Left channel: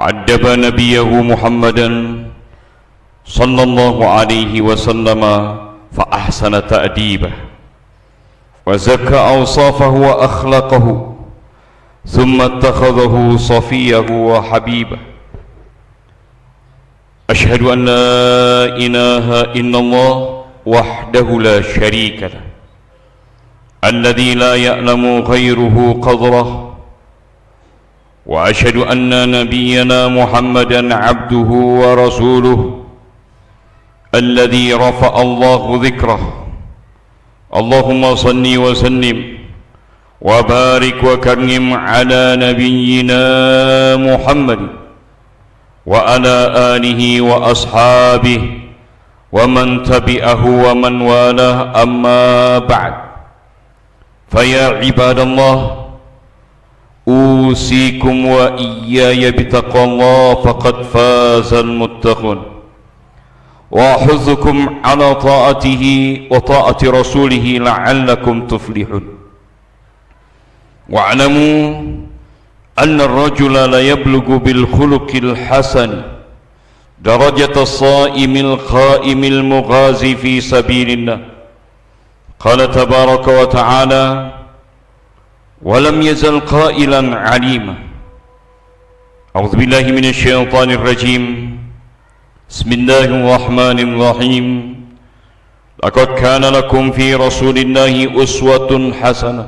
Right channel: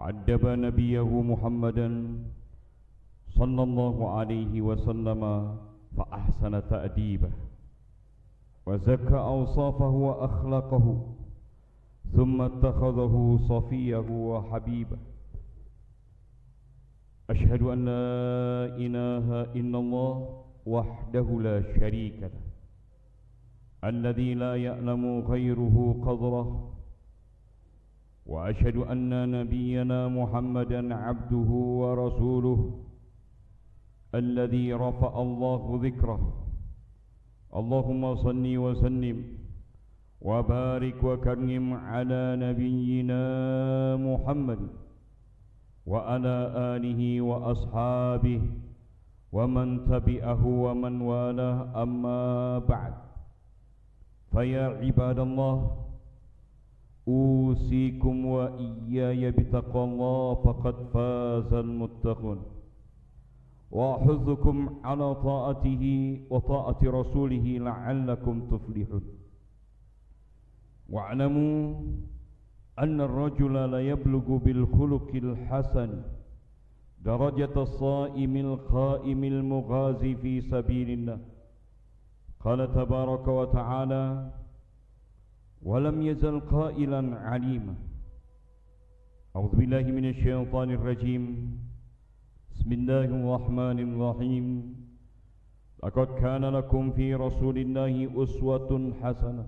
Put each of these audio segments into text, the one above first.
وأدب نبيه محمدا صلى الله عليه وسلم فأحسن تأديبه وزكى أوصافه وأخلاقه ثم اتخذه صفيه وحبيبه. أشهد أن لا إله إلا الله وحده لا شريك له الذي لا يعلم غيره قدره، وأشهد أن نبينا محمدا عبده ورسوله الذي رفع الله ذكره. اللهم صل وسلم وبارك وكرم على نبينا محمد وعلى آله وأصحابه ومن تبعه ومن والاه، أما بعد. فيا عباد الله، أوصيكم وإياي بتقوى الله فقد فاز المتقون، وأحثكم على طاعته وطاعة رسوله لعلكم تفلحون. واعلموا أن الرجل لا يبلغ بالخلق الحسن درجة الصائم القائم المغازي في سبيل الله. قال تبارك وتعالى: ولم يزل قائلا عليما. أعوذ بالله من الشيطان الرجيم. بسم الله الرحمن الرحيم. لقد كان لكم في رسول الله أسوة حسنة.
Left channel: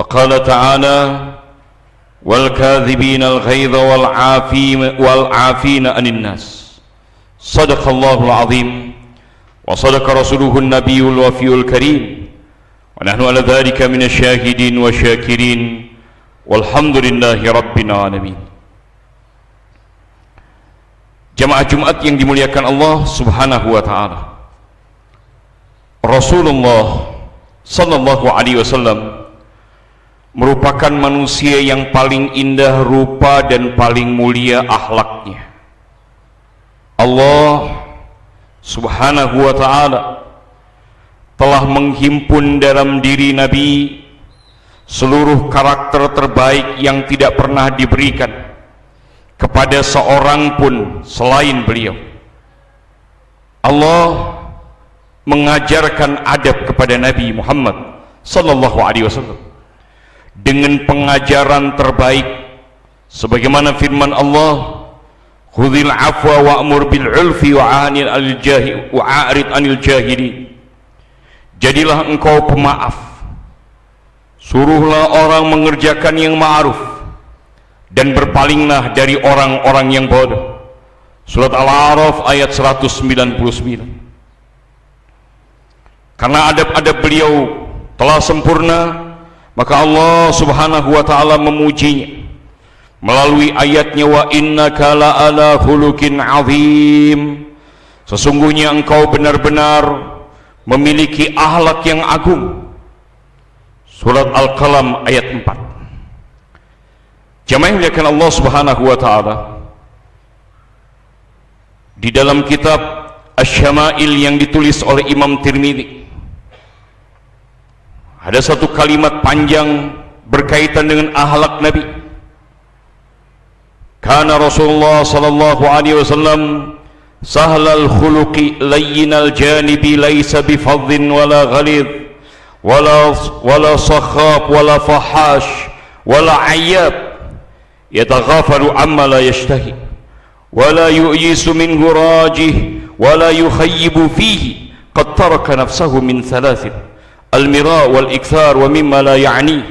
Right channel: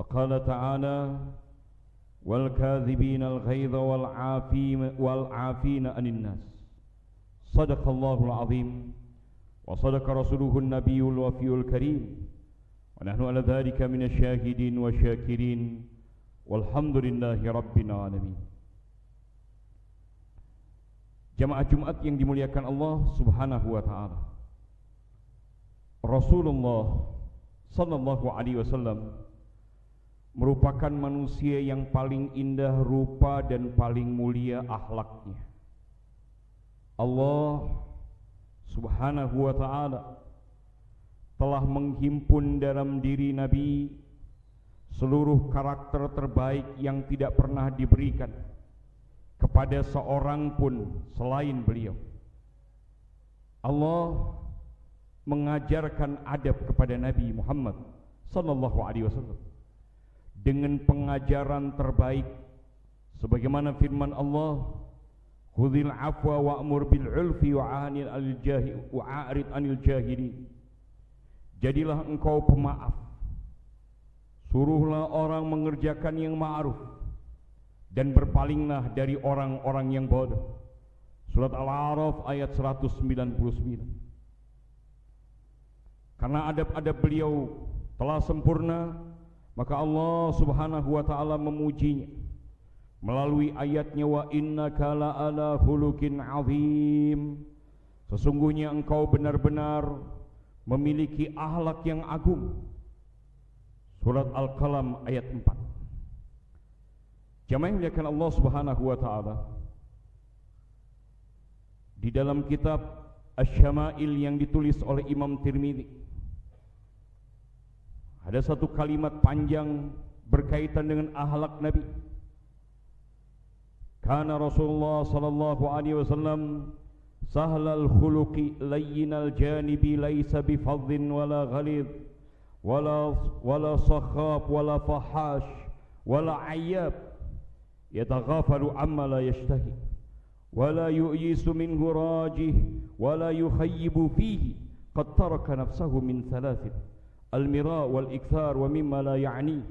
وقال تعالى: والكاذبين الغيظ والعافين عن الناس. صدق الله العظيم وصدق رسوله النبي الوفي الكريم، ونحن على ذلك من الشاهدين والشاكرين، والحمد لله رب العالمين. Jamaah Jumat yang dimuliakan Allah Subhanahu wa taala. Rasulullah sallallahu alaihi wasallam merupakan manusia yang paling indah rupa dan paling mulia akhlaknya. Allah Subhanahu wa taala telah menghimpun dalam diri Nabi seluruh karakter terbaik yang tidak pernah diberikan kepada seorang pun selain beliau. Allah mengajarkan adab kepada Nabi Muhammad sallallahu alaihi wasallam dengan pengajaran terbaik, sebagaimana firman Allah: khudhil afwa wa'mur bil 'urfi wa'rid 'anil jahilin. Jadilah engkau pemaaf, suruhlah orang mengerjakan yang ma'ruf, dan berpalinglah dari orang-orang yang bodoh. Surat Al-A'raf ayat 199. Karena adab-adab beliau telah sempurna, maka Allah Subhanahu wa taala memujinya melalui ayatnya: wa innaka la'ala khuluqin 'azim. Sesungguhnya engkau benar-benar memiliki akhlak yang agung. Surat Al-Qalam ayat 4. Jamaah yang dimuliakan Allah Subhanahu wa taala, di dalam kitab Asy-Syama'il yang ditulis oleh Imam Tirmidzi, ada satu kalimat panjang berkaitan dengan akhlak Nabi. Kana Rasulullah sallallahu alaihi wasallam sahlal khuluqi layyinal janibi laysa bifadhin wala ghalidh wala sakhab wala fahash wala ayyab, yataghafalu amma la yashtahi wala yu'yisu minhu rajih wala yukhayyibu fihi qad taraka nafsahu min thalathin: المراء والإكثار ومما لا يعنيه،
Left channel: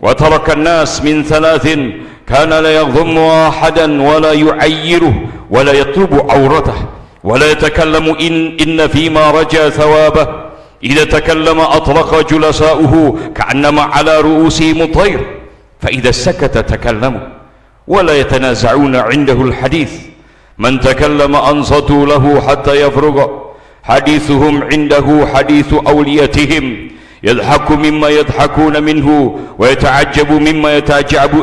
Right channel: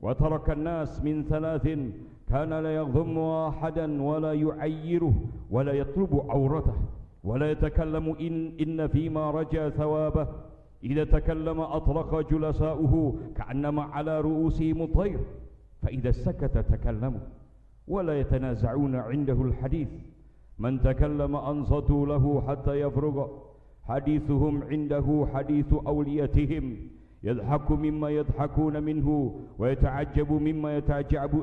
وترك الناس من ثلاث: كان لا يضم أحدا ولا يعيره ولا يطلب عورته ولا يتكلم إن فيما رجا ثوابه، إذا تكلم أطلق جلساؤه كأنما على رؤوسهم الطير، فإذا سكت تكلموا ولا يتنازعون عنده الحديث، من تكلم أنصتوا له حتى يفرغ، حديثهم عنده حديث أوليتهم، يضحك مما يضحكون منه ويتعجب مما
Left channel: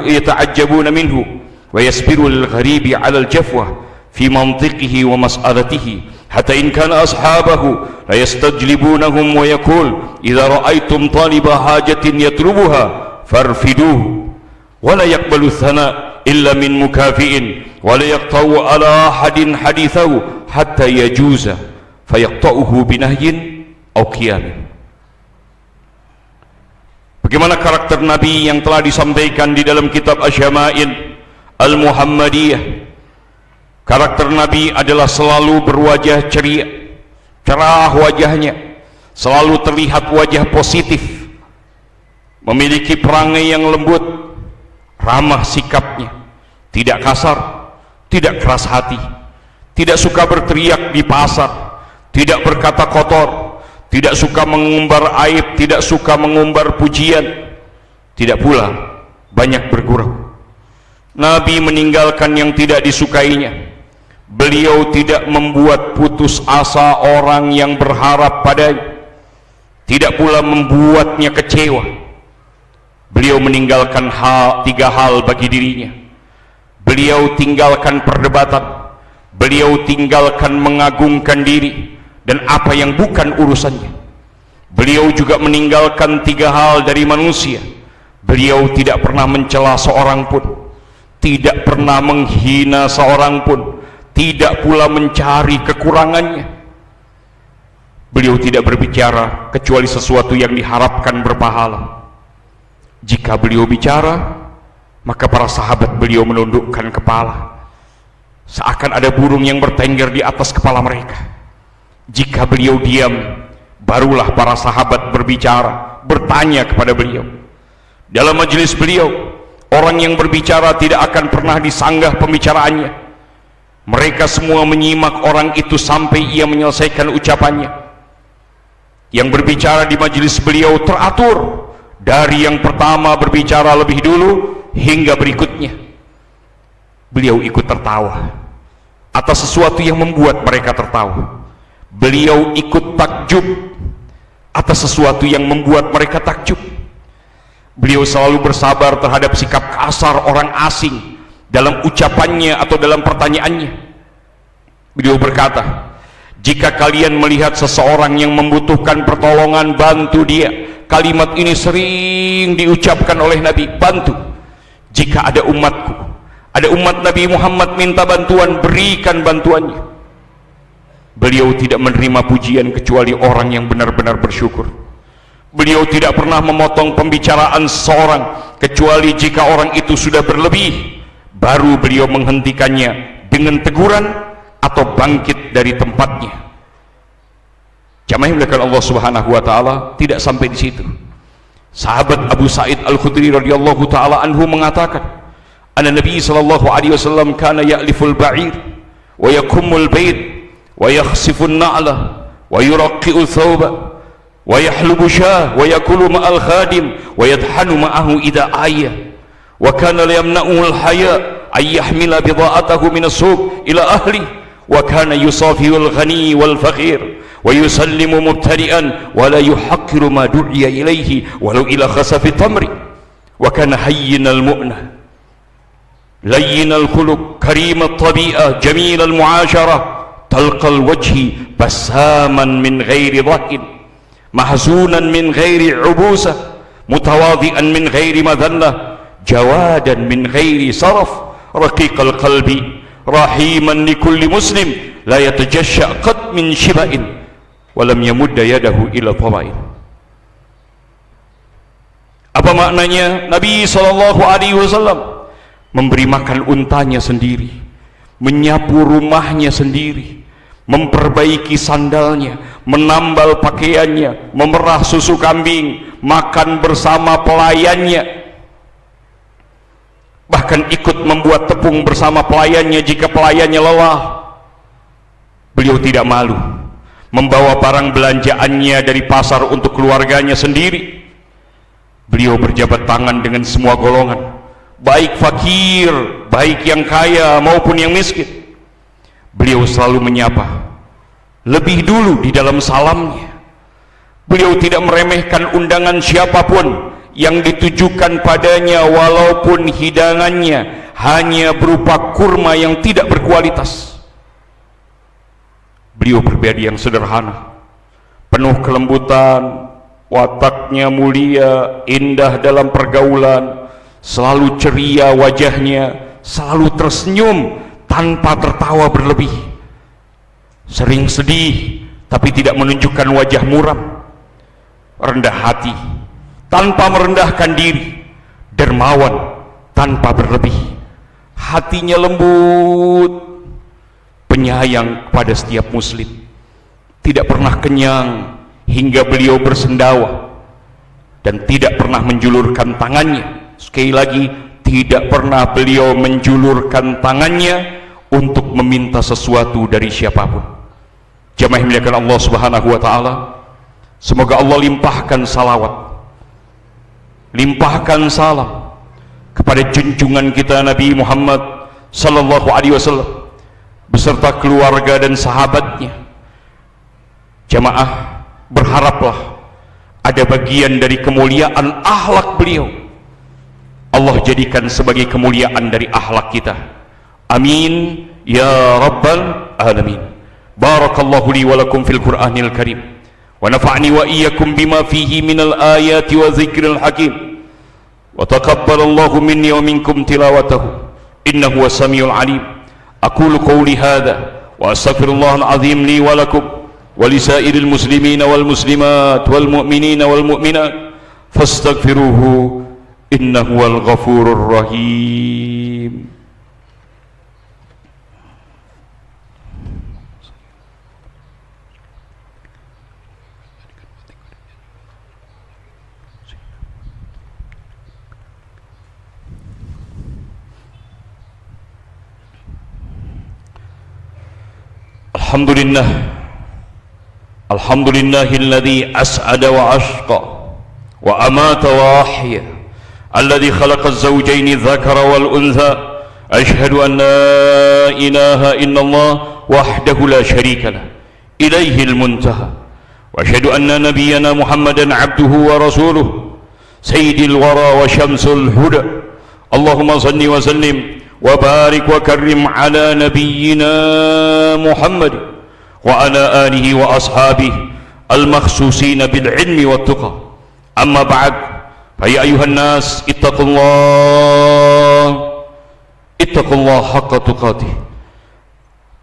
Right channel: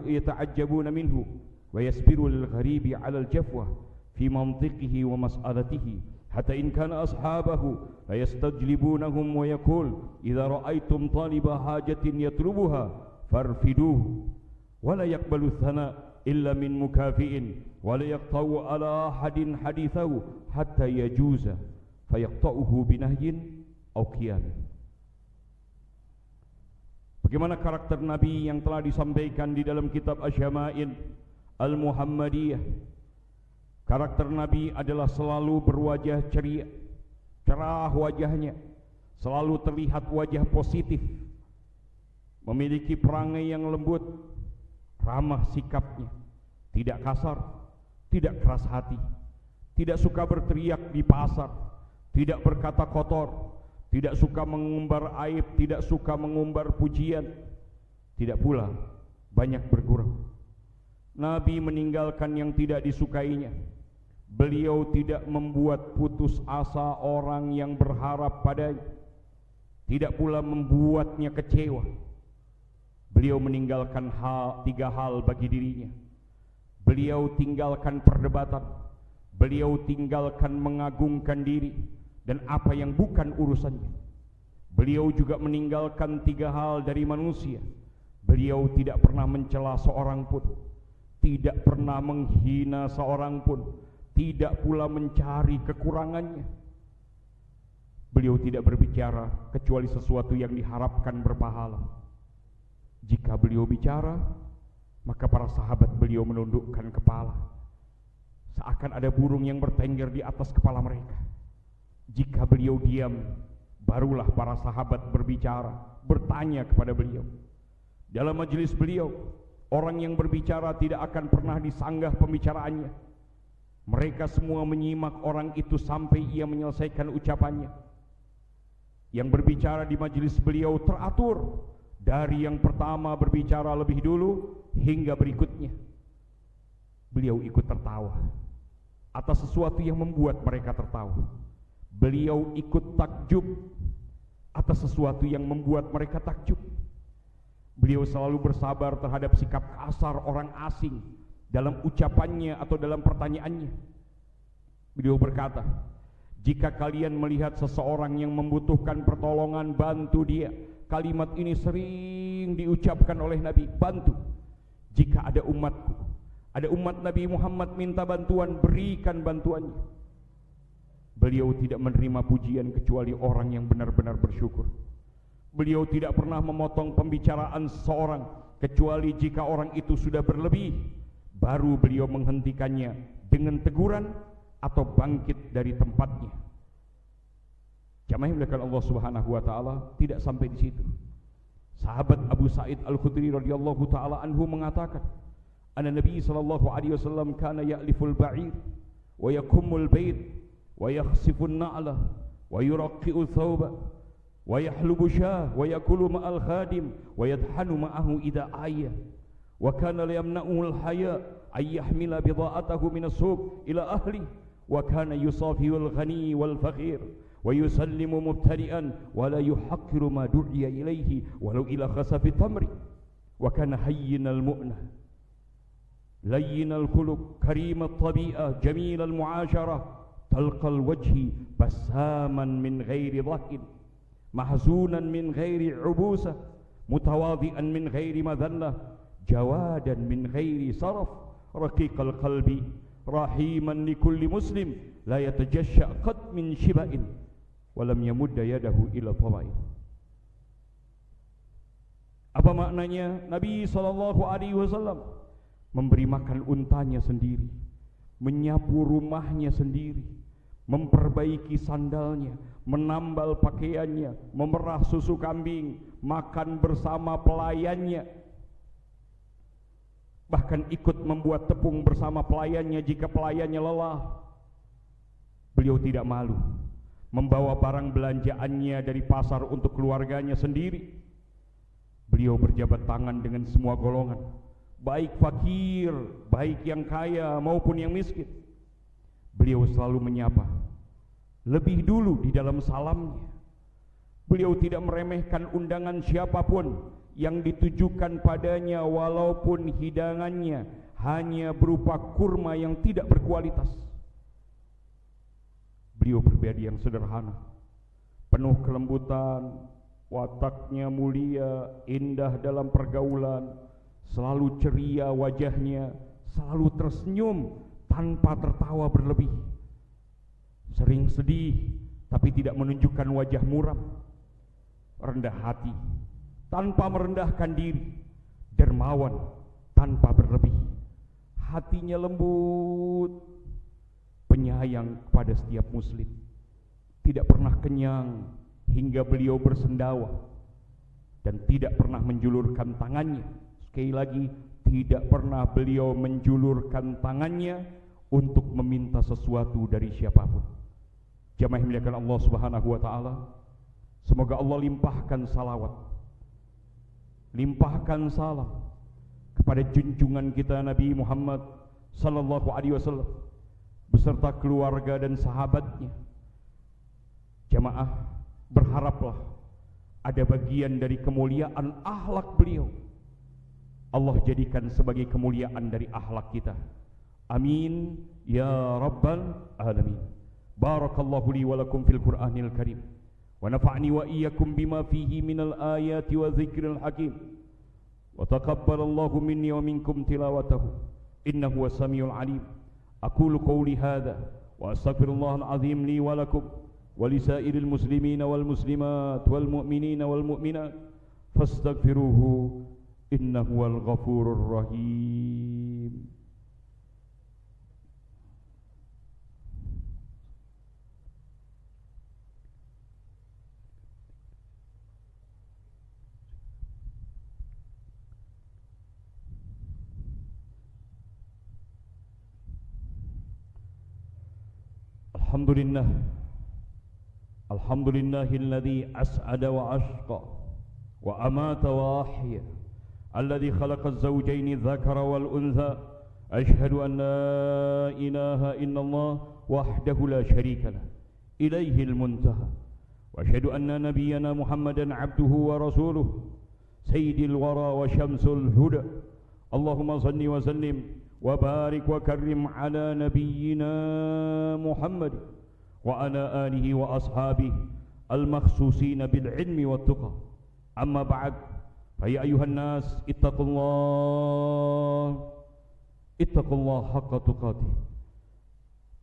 يتعجبون منه، ويصبر للغريب على الجفوة في منطقه ومسألته، حتى إن كان أصحابه ليستجلبونهم، ويقول: إذا رأيتم طالب حاجة يطلبها فارفدوه، ولا يقبل الثناء إلا من مكافئ ولا يقطع على أحد حديثه حتى يجوز فيقطعه بنهي أو قيام. Bagaimana karakter Nabi yang telah disampaikan di dalam kitab Asy-Syama'il Al-Muhammadiyah. Karakter Nabi adalah selalu berwajah ceria, cerah wajahnya, selalu terlihat wajah positif, memiliki perangai yang lembut, ramah sikapnya, tidak kasar, tidak keras hati, tidak suka berteriak di pasar, tidak berkata kotor, tidak suka mengumbar aib, tidak suka mengumbar pujian, tidak pula banyak bergurau. Nabi meninggalkan yang tidak disukainya. Beliau tidak membuat putus asa orang yang berharap padanya, tidak pula membuatnya kecewa. Beliau meninggalkan tiga hal bagi dirinya. Beliau tinggalkan perdebatan, beliau tinggalkan mengagungkan diri dan apa yang bukan urusannya. Beliau juga meninggalkan tiga hal dari manusia. Beliau tidak pernah mencela seorang pun, tidak pernah menghina seorang pun, tidak pula mencari kekurangannya. Beliau tidak berbicara kecuali sesuatu yang diharapkan berpahala. Jika beliau bicara, maka para sahabat beliau menundukkan kepala, seakan ada burung yang bertengger di atas kepala mereka. Jika beliau diam, barulah para sahabat berbicara, bertanya kepada beliau. Dalam majelis beliau, orang yang berbicara tidak akan pernah disanggah pembicaraannya. Mereka semua menyimak orang itu sampai ia menyelesaikan ucapannya. Yang berbicara di majelis beliau teratur, dari yang pertama berbicara lebih dulu hingga berikutnya. Beliau ikut tertawa atas sesuatu yang membuat mereka tertawa. Beliau ikut takjub atas sesuatu yang membuat mereka takjub. Beliau selalu bersabar terhadap sikap kasar orang asing dalam ucapannya atau dalam pertanyaannya. Beliau berkata, jika kalian melihat seseorang yang membutuhkan pertolongan, bantu dia. Kalimat ini sering diucapkan oleh Nabi, bantu. Jika ada umatku, ada umat Nabi Muhammad minta bantuan, berikan bantuannya. Beliau tidak menerima pujian kecuali orang yang benar-benar bersyukur. Beliau tidak pernah memotong pembicaraan seseorang kecuali jika orang itu sudah berlebih, baru beliau menghentikannya dengan teguran atau bangkit dari tempatnya. Jamaah yang dimuliakan Allah Subhanahu wa taala, tidak sampai di situ. Sahabat Abu Sa'id Al-Khudri radhiyallahu taala anhu mengatakan, "Anna Nabi sallallahu alaihi wasallam kana ya'liful ba'ir wa yakummul bait wa yakhsifun na'la wa yuraqqi'u thawba wa yahlubu syah wa yakulu ma'al khadim wa yadhanu ma'ahu idha ayya wa kana la yamna'uhu al-haya ay yahmila bida'atahu min as-suq ila ahli wa kana yusafihu al-ghani wal-faqir wa yusallimu mubtadi'an wa la yuhaqqiru ma du'iya ilayhi walau ila khasafi tamri wa kana hayyinal mu'na layyinal khuluq karimat tabi'ah jamilal mu'asyarah talqal wajhi basaman min ghairi dhahin mahzunan min ghairi ubusah mutawadhi'an min ghairi madhallah jawadan min ghairi saraf raqiqal qalbi rahiman likulli muslim la yatajashsha qad min shiba'in walam yamudda yadahu ila tawain. Apa maknanya? Nabi sallallahu alaihi wasallam memberi makan untanya sendiri, menyapu rumahnya sendiri, memperbaiki sandalnya, menambal pakaiannya, memerah susu kambing, makan bersama pelayannya, bahkan ikut membuat tepung bersama pelayannya jika pelayannya lelah. Beliau tidak malu membawa barang belanjaannya dari pasar untuk keluarganya sendiri. Beliau berjabat tangan dengan semua golongan, baik fakir, baik yang kaya maupun yang miskin. Beliau selalu menyapa lebih dulu di dalam salamnya. Beliau tidak meremehkan undangan siapapun yang ditujukan padanya, walaupun hidangannya hanya berupa kurma yang tidak berkualitas. Beliau pribadi yang sederhana, penuh kelembutan, wataknya mulia, indah dalam pergaulan, selalu ceria wajahnya, selalu tersenyum tanpa tertawa berlebih. Sering sedih tapi tidak menunjukkan wajah muram. Rendah hati tanpa merendahkan diri. Dermawan tanpa berlebih. Hatinya lembut, penyayang kepada setiap muslim. Tidak pernah kenyang hingga beliau bersendawa, dan tidak pernah menjulurkan tangannya. Sekali lagi, tidak pernah beliau menjulurkan tangannya untuk meminta sesuatu dari siapapun. Jamaah yang dimuliakan Allah Subhanahu wa taala, semoga Allah limpahkan salawat, limpahkan salam kepada junjungan kita Nabi Muhammad sallallahu alaihi wasallam beserta keluarga dan sahabatnya. Jamaah, berharaplah ada bagian dari kemuliaan akhlak beliau Allah jadikan sebagai kemuliaan dari akhlak kita. Amin ya rabbal alamin. Barakallahu li wa lakum fil Qur'anil Karim wa nafa'ni wa iyyakum bima fihi minal ayati wa dzikril hakim wa taqabbalallahu minni wa minkum tilawatahu innahu was-sami'ul alim. Aqulu qawli hadha wa astaghfirullahal azim li wa lakum wa lisairil muslimina wal muslimat wal mu'minina wal mu'minat fastaghfiruhu innahu wal ghafurur rahim. Alhamdulillah, alhamdulillahilladzi as'ada wa ashqa wa amata wa ahya, alladzi khalaqa az-zawjayn adh-dhakara wal untha. Ashhadu an la ilaha illallah wahdahu la sharika lah, ilayhi al-muntaha. Wa ashhadu anna nabiyyana Muhammadan abduhu wa rasuluh, sayyidil wara wa syamsul huda. Allahumma salli wa sallim wa barik wa karrim ala nabiyyina Muhammad wa ala alihi wa ashabihi al-makhsusina bil ilmi wat tuqa. Amma ba'd, fa ya ayuhan nas ittaqullaha haqqa tuqatih.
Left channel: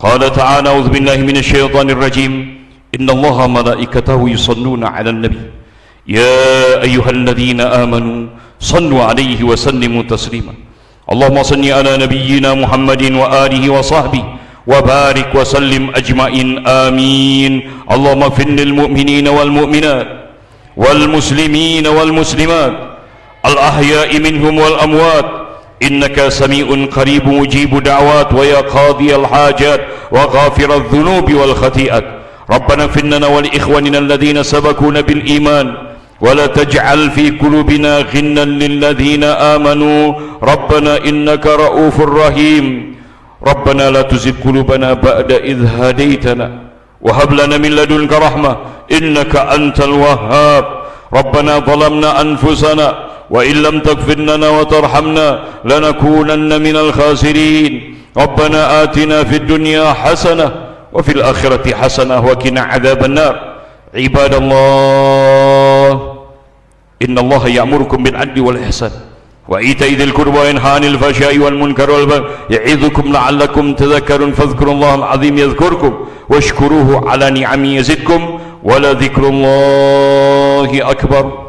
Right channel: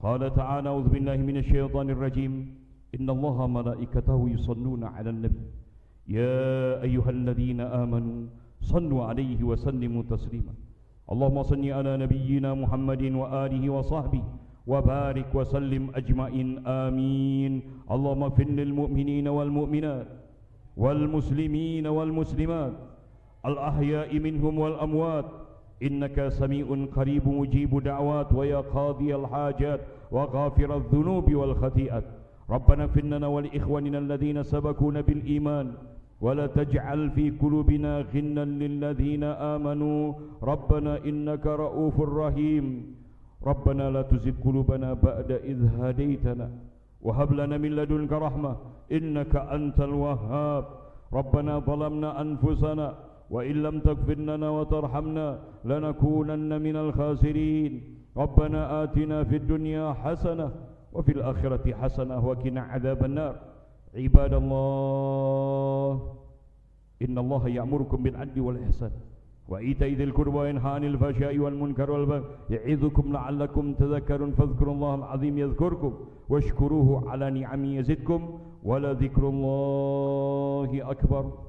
Qala ta'ala a'udzu billahi minasy syaithanir rajim. Innallaha malaikatahu yusalluna 'alan nabi ya ayyuhalladzina amanu sallu 'alaihi wa sallimu taslima. Allahumma salli ala nabiyyina Muhammadin wa alihi wa sahbihi wa barik wa sallim ajma'in amin. Allahumma ighfir lil mu'minina wal mu'minat wal muslimina wal muslimat al ahya'i minhum wal amwat innaka sami'un qaribun mujibu da'wat wa ya qadiyal hajat wa ghafiradh dhunubi wal khati'at. Rabbana ighfir lana wa li ikhwanina alladhina sabaquna bil iman ولا تجعل في قلوبنا غلا للذين آمنوا ربنا إنك رؤوف رحيم. ربنا لا تزغ قلوبنا بعد إذ هديتنا وهب لنا من لدنك رحمة إنك أنت الوهاب. ربنا ظلمنا أنفسنا وإن لم تغفر لنا وترحمنا لنكونن من الخاسرين. ربنا آتنا في الدنيا حسنة وفي الآخرة حسنة وقنا عذاب النار. عباد الله إن الله يأمركم بالعدل والإحسان وإيتاء ذي القربى وينهى عن الفحشاء والمنكر والبغي يعظكم لعلكم تذكرون فاذكروا الله العظيم يذكركم واشكروه على نعمه يزدكم ولذكر الله أكبر.